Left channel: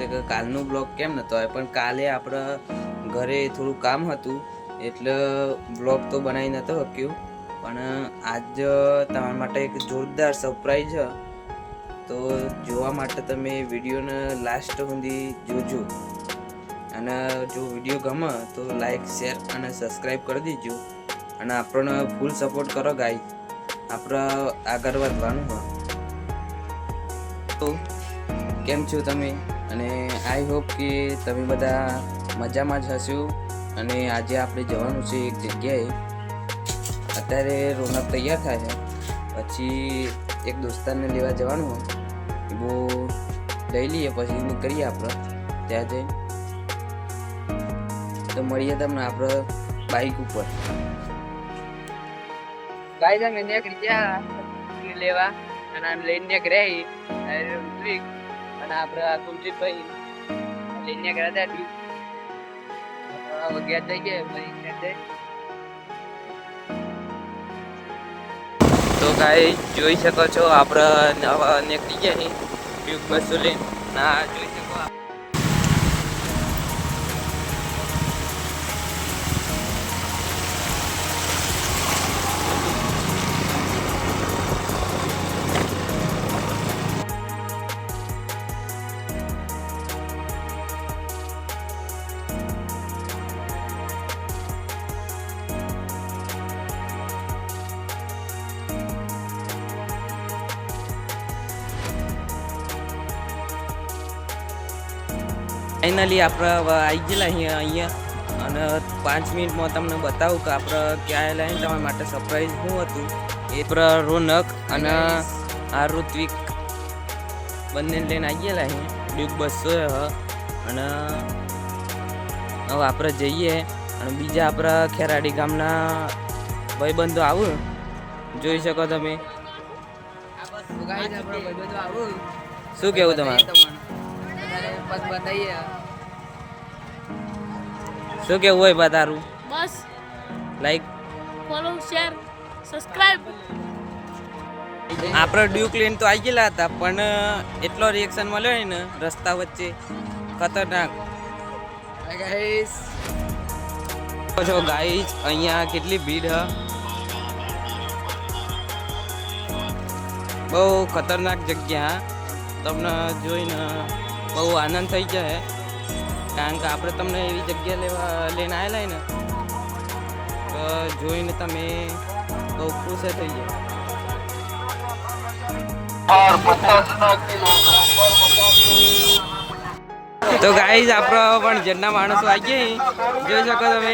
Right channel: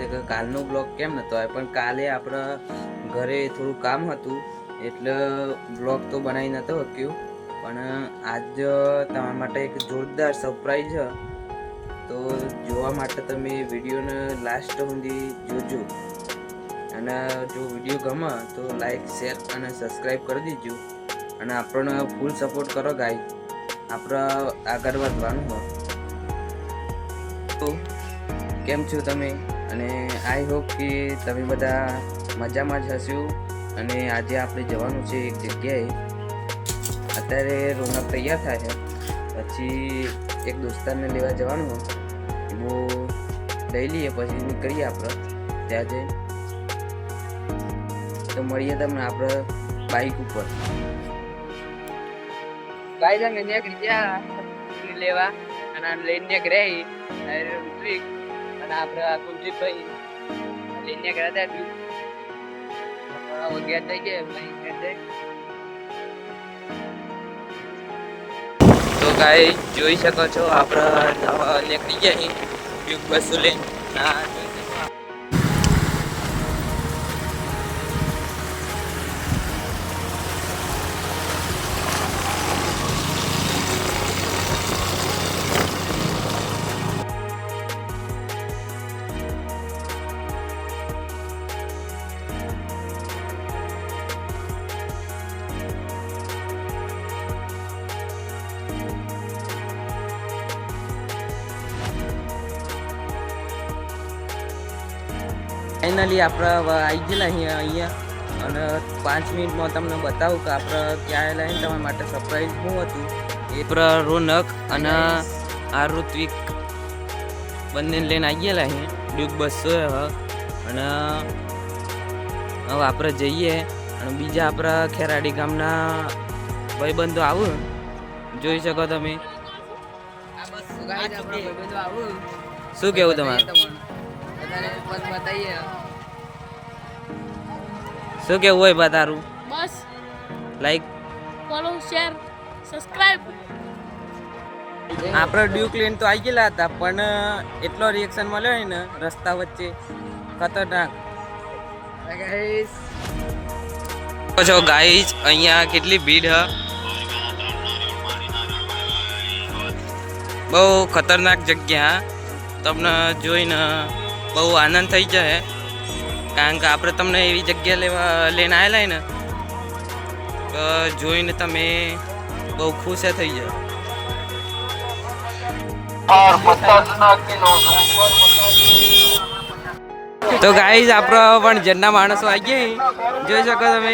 છે કે કાલનો બ્લોગ કેમ નતો આવ્યો? પણ કાલે આપણે ઘરે થોડું કામ હતું, એટલે બ્લોગ તો બનાવી નતો શક્યું. પણ આજ તમારા માટે એક જોરદાર સરપ્રાઈઝ છે. તો જોવા માટે તમે વિડીયોને લાસ્ટ સુધી જોજો. અને જો વીડિયો ગમે તો લાઈક શેર અને સબસ્ક્રાઈબ કરી દેજો. અને આપણને ફૂલ સપોર્ટ કરો ગાઈ આપણે આગળ વધવાનું હોય તો કેમ છો તમે? અને આઈ હોપ કે તમે બધા મજામાં જ હશો. અને આજે આપણે જવાનું છે એક જગ્યાએ. અત્યારે રોનક તૈયાર થાય છે. પછી એક દોસ્તારને લેવા જવાનું હોય. એ બહુ લઈ લઈએ, પછી નીકળીએ આપણે. ત્યાં જઈ. તો મળીએ તમને આપણે બાઈક ઉપર. ગાય તમે નીકળી ગયા લેવા. અને આને લઈને નીકળ્યા ઋત્વિક અને આપણે કુલજીતભાઈ લઈને ગયા હતા વગેરે થઈ ગયા, ભાઈ તો ગાય જોઈ શકો છો, આપણે નવા નીકળી ગયા બસો લઈને ના ફાઇનલી આપણે આવી ગયેલા અહીંયા અહીંયા અને પાંચ મિનિટમાં તમને બતાવું કે આપણે ક્યાં આવેલા ને તમારા માટે સરપ્રાઈઝ શું હતું. એ પર રોનક અને આ ઋત્વિક બંને લઈને આવી ગયેલા અહીંયા ડ્યુક બસો અને હવે આપણે જઈએ અને બીજા આપણા ખેરાડી ગામના ભાઈબંધો આવું. જોઈ શકો તમે. શું કેવું તમારું? અત્યારે પત બતાવીએ. શું કેવું હોય બતારું તારું? બસ. લાઈક ફોલો શેર સબસ્ક્રાઇબ આપણે ડ્યુક લઈને તો આવી ગયેલા હતા પણ એટલો રિએક્શન મળ્યો હોય ને રસ્તા વચ્ચે. ખતરનાક. છો ગાઈસ અહીંયા કેટલી ભીડ હ? બહુ ખતરનાક જગ્યા તમને જોઈને બહુ આનંદ થઈ જાય કારણ કે આપણે તમને એવી જગ્યા લેવા, લઈને આવેલા ને, તો જોઈને તમે બહુ ખુશ થઈ જાય. તો ગાઈઝ આપણો પણ જન્ના માણસો આવી ગયા જોઈ શકો તમે.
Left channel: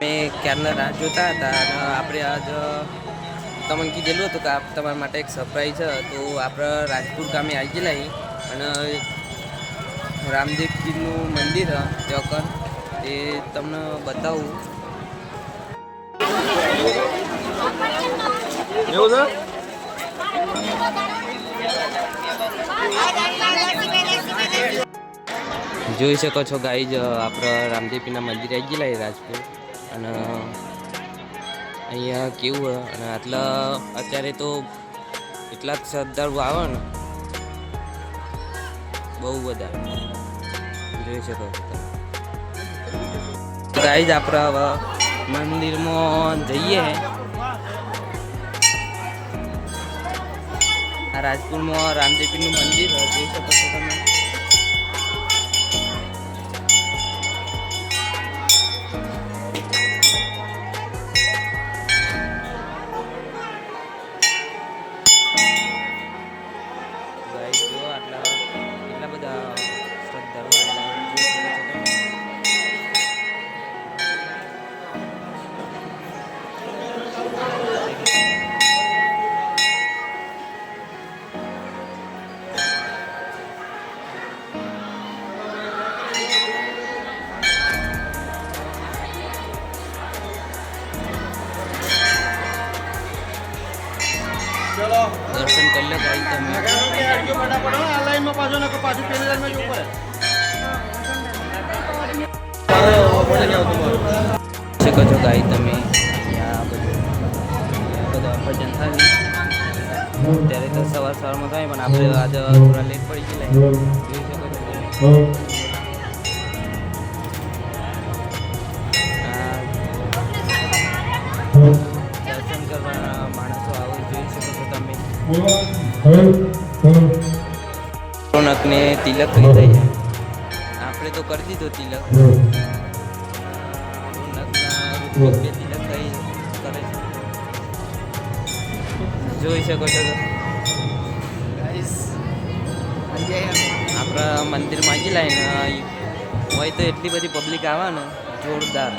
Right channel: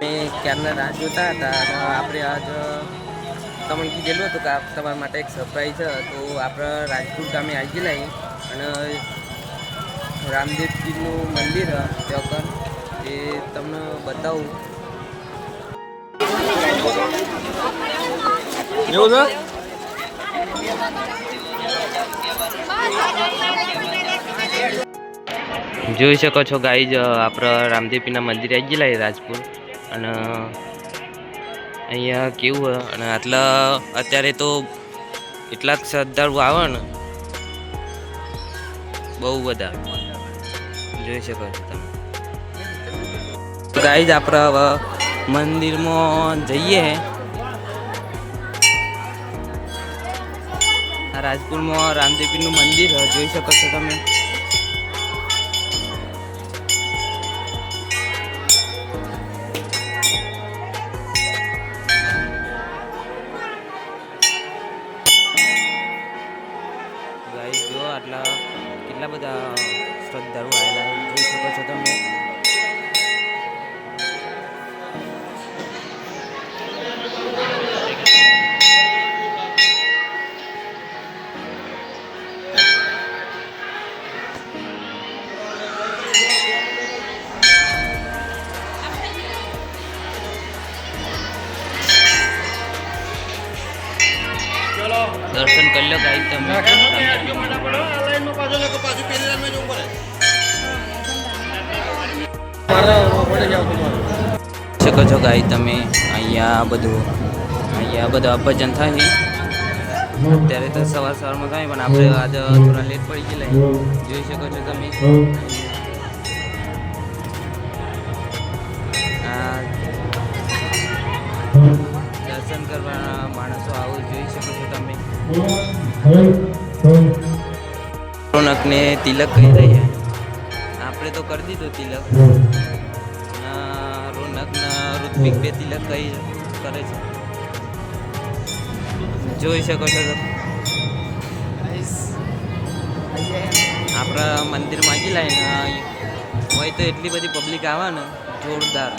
મેં ક્યારના રાહ જોતા હતા અને આપણે આજ તમને કીધેલું હતું કે આ તમારા માટે એક સરપ્રાઈઝ છે. તો આપણે રાજપુર ગામે આવી ગયેલા અને રામદેવજીનું મંદિર ત્યાં એ તમને બતાવું. એવું છે? જોઈ શકો છો ગાઈજ આપણે રામદેવપીના મંદિરે આવી ગયેલા રાજપુર અને અહીંયા કેવું હોય? અને આટલા, અત્યારે તો એટલા શ્રદ્ધાળુ આવે ને. બહુ બધા. જોઈ શકો છો તમે. ગાઈજ આપણે હવે મંદિરમાં જઈએ. આ રાજપુરમાં રામદેવપીરનું મંદિર જોઈ શકો છો તમે. લો ગાઈ તમે. શકો છો ગાઈ તમે. અહીંયા બધું અહીંયા બધું અપજન થાય. ત્યારે તો સવાર સવારમાં થાય, પણ આપણે આજે થોડા લેટ પડી ગયેલા. જોઈ શકો છો તમે. કરવાના માણસો આવો જોઈ શકો છો તમે. રોનકને તિલક કહી રહ્યા આપણે તો કરી દીધો તિલક. રોનકના ઋત્વિક બે તિલક કહી કરે છે. જોઈ શકો છો તમે. આપણા મંદિરમાં આવી લાઈને હોય તો એટલી બધી પબ્લિક આવે ને, જોરદાર.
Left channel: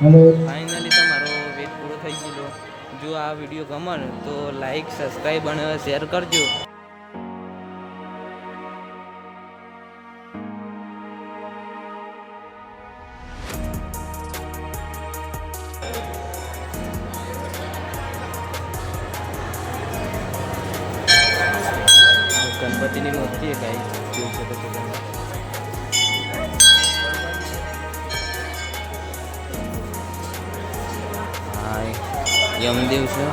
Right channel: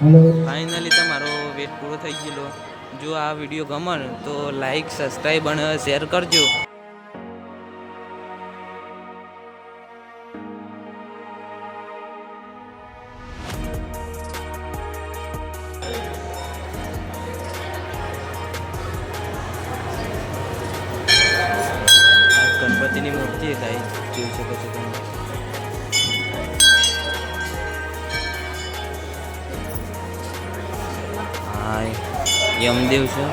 ફાઇનલી તમારો વેટ પૂરો થઈ ગયેલો. જો આ વીડિયો ગમે તો લાઈક સબસ્ક્રાઈબ અને શેર કરજો. યમદેવ છે.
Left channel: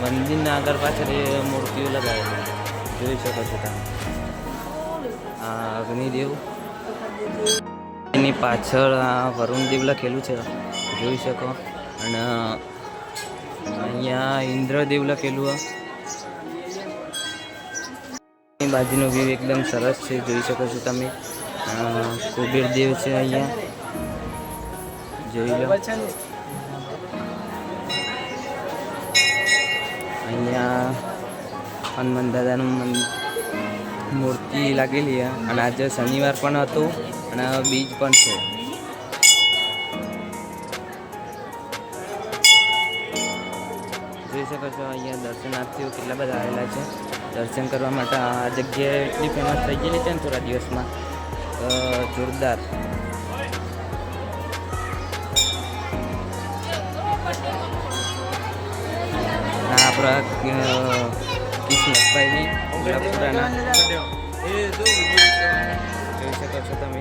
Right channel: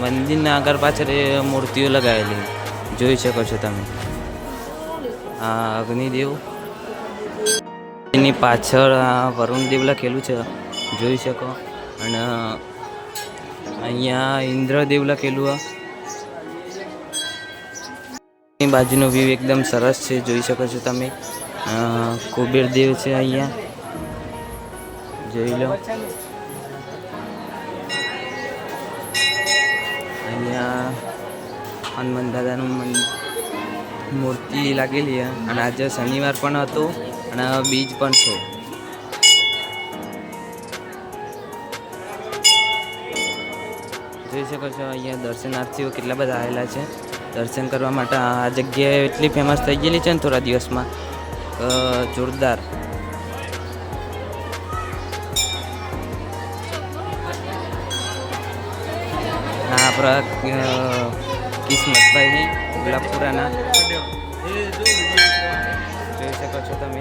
મંદિરના આગળ પાછળ મૂર્તિઓ લગાવેલી. જોઈ શકો છો તમે. આ અગ્નિદેવ. એની પાછળ આ વરુણદેવ લખેલું છે. જોઈ શકો. અને અહીંયા ઇન્દ્રદેવ લખેલું આ. બાજુનો વ્યૂ એકદમ સરસ છે. જોઈ શકો છો તમે. અ, કુબેર દેવ છે અહીંયા. જોઈ લો. અહીંયા હનુમાન દાદાનું મન, મૂર્તિ લાગેલી અને આજે શનિવાર પણ હતો અને બીજ પણ છે. જોઈ શકો છો અહીંયા દર્શનાર્થીઓ કેટલા બધા આવેલા છે. દર્શન કરવા માટે આ જગ્યા એટલી ફેમસ થઈ ગયેલી છે ને થોડા દિવસમાં. જોરદાર. આ આપણા કિસ્મતભાઈની કિસ્મતભાઈ ગુલાબપુરાના. જોઈ શકો છો તમે.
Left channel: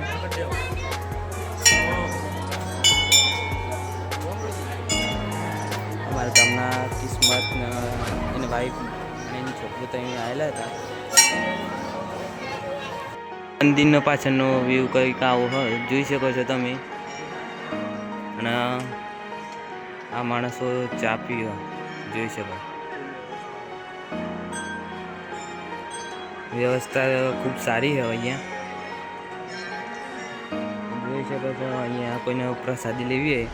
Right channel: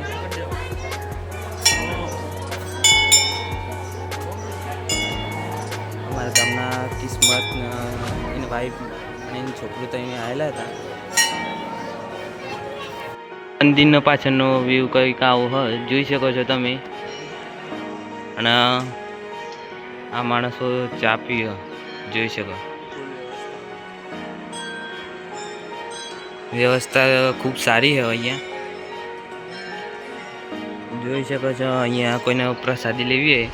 અમારા ગામના કિસ્મત એની વાઈફ અને એની છોકરું તો અહીંયા આવેલા હતા. મંદિરનો પાછળનો વ્યૂ કંઈક આવો હોય જોઈ શકો છો તમે. અને આ માણસો ચા પીવે. જોઈ શકો. વ્યવસ્થા ખૂબ સારી છે અહીંયા. જોઈ શકો છો, અહીંયા કોઈને પ્રસાદી લેવી હોય,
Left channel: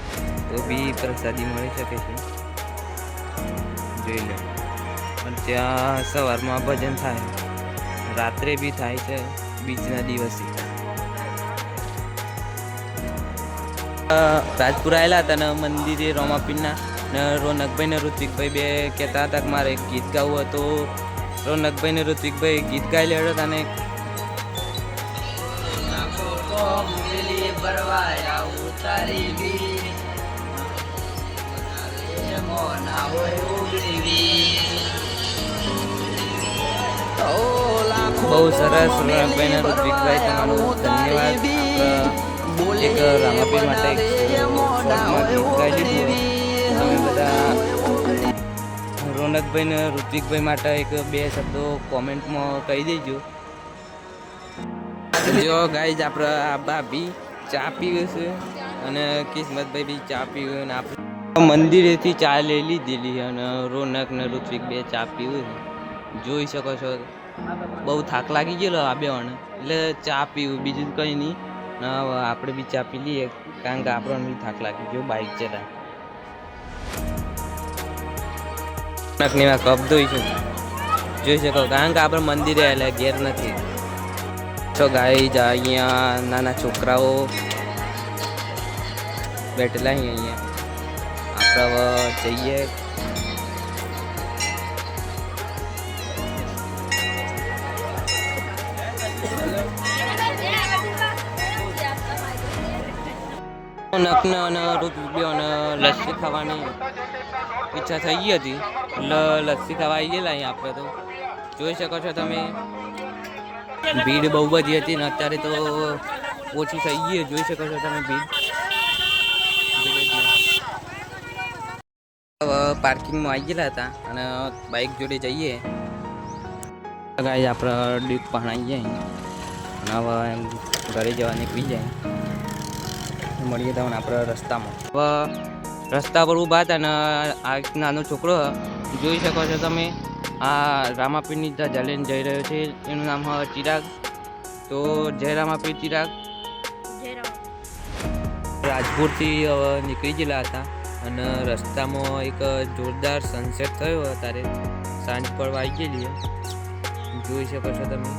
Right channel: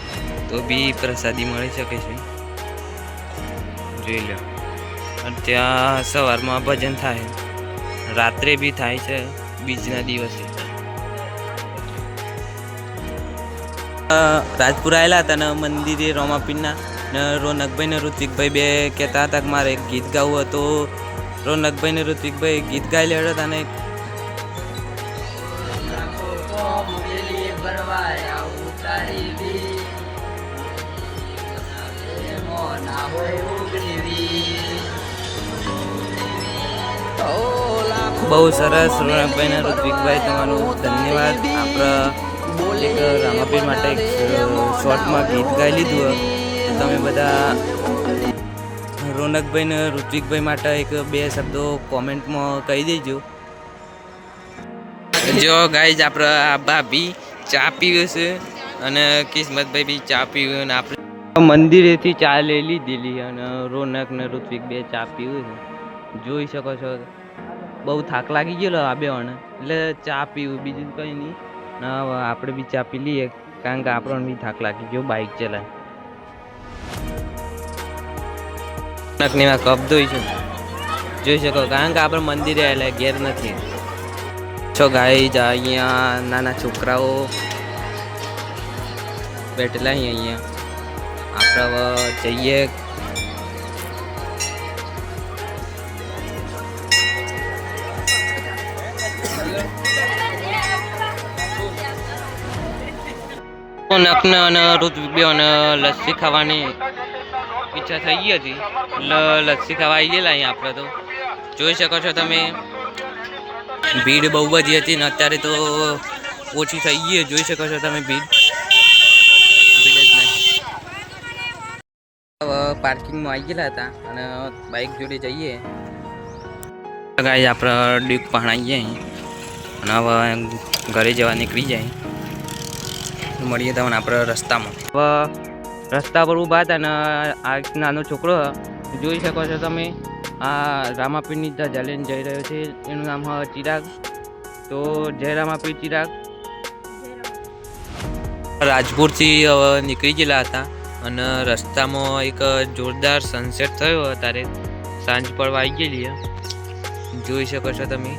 તો બી પ્રસાદી મળી શકે છે. જોઈ લો. અને ત્યાં સવારમાં ભજન થાય. રાત્રે બી થાય છે, બીજના દિવસે. રાજપુર આવેલા હતા ને મંદિરે રોમાપીરના. ને રોનકભાઈ ને ઋત્વિકભાઈ બે કહેતા હતા કે મારે એક ગીત ગાવું હતું. રોનકભાઈ ને ઋત્વિકભાઈ ગીત ગાઈ લેડો હતા ને બહુ સરસ રોનકભાઈ ને ઋત્વિકભાઈ, તમારું ધન્યવાદ. આપણા એક રામાપીર માટે ગીત ગાઈ લીધું તમે બધા રોનકભાઈ ને ઋત્વિકભાઈ માટે એક બે શબ્દો કોમેન્ટમાં કહી દેજો. જો ગાઈઝ, આપણે આ ભાભી ચા પીવે છે અને કિસ્મતભાઈ બી ચા પીવે આપણે મંદિરેથી ચા લઈ લીધેલી અને રોનક ને ઋત્વિક બે ચા પીવે છે. જોઈ શકો છો, બહુ થાક લાગી ગયેલો આ બે એટલે ચા પીવું, બીજું કંઈ નહીં. આપણે બી ચા પી લઈએ, કારણ કે આપણને બી થાક લાગી ગયો બાઇક ચલાય નકની માં કપ ધોઈશું જોઈ શકો, કારણ કે આપણે મંદિરે એટલે ઘેર નથી. છો ગાઈ અહીંયા નાના છોકરાઓ બેઠેલા અહીં અહીંયા. આપણે જઈએ. નકન અને ઋત્વિકને લસ્સી ખાવાની. ઈચ્છા થઈ ગઈ હતી. એટલે લસ્સી ખાવા આવી ગયેલા અહીં આપણે તો. જોઈ શકો છો તમે. ભીડ બહુ બધી હતી ને અત્યારે તો ઓછી થઈ ગઈ જોઈ શકો છો તમે ભીડ. ભીડ જ નહીં. પાર્કિંગમાં આવી ગયેલા હતા અને બાઇક જોડે જઈએ. ગાય આપણે ડ્યુક જાય અને હવે ઘરે જવા નીકળી જાય. મળીએ તમને આપણે રસ્તામાં. હવે રસ્તા પર ઊભા હતા અને આ નાનો છોકરો જોઈ શકો છો તમે. આ રામાપીરની ધજા જઈ રહ્યો છે. એનું નામ હવે ચિરાગ. તો જય રામાપીર ચિરાગ. રાજપુરથી નીકળી ગયેલા હતા અને રસ્તામાં એક જોરદાર સનસેટ થયો અત્યારે. સાંજ પડવા આવી ગયેલી. જોઈ શકો છો તમે.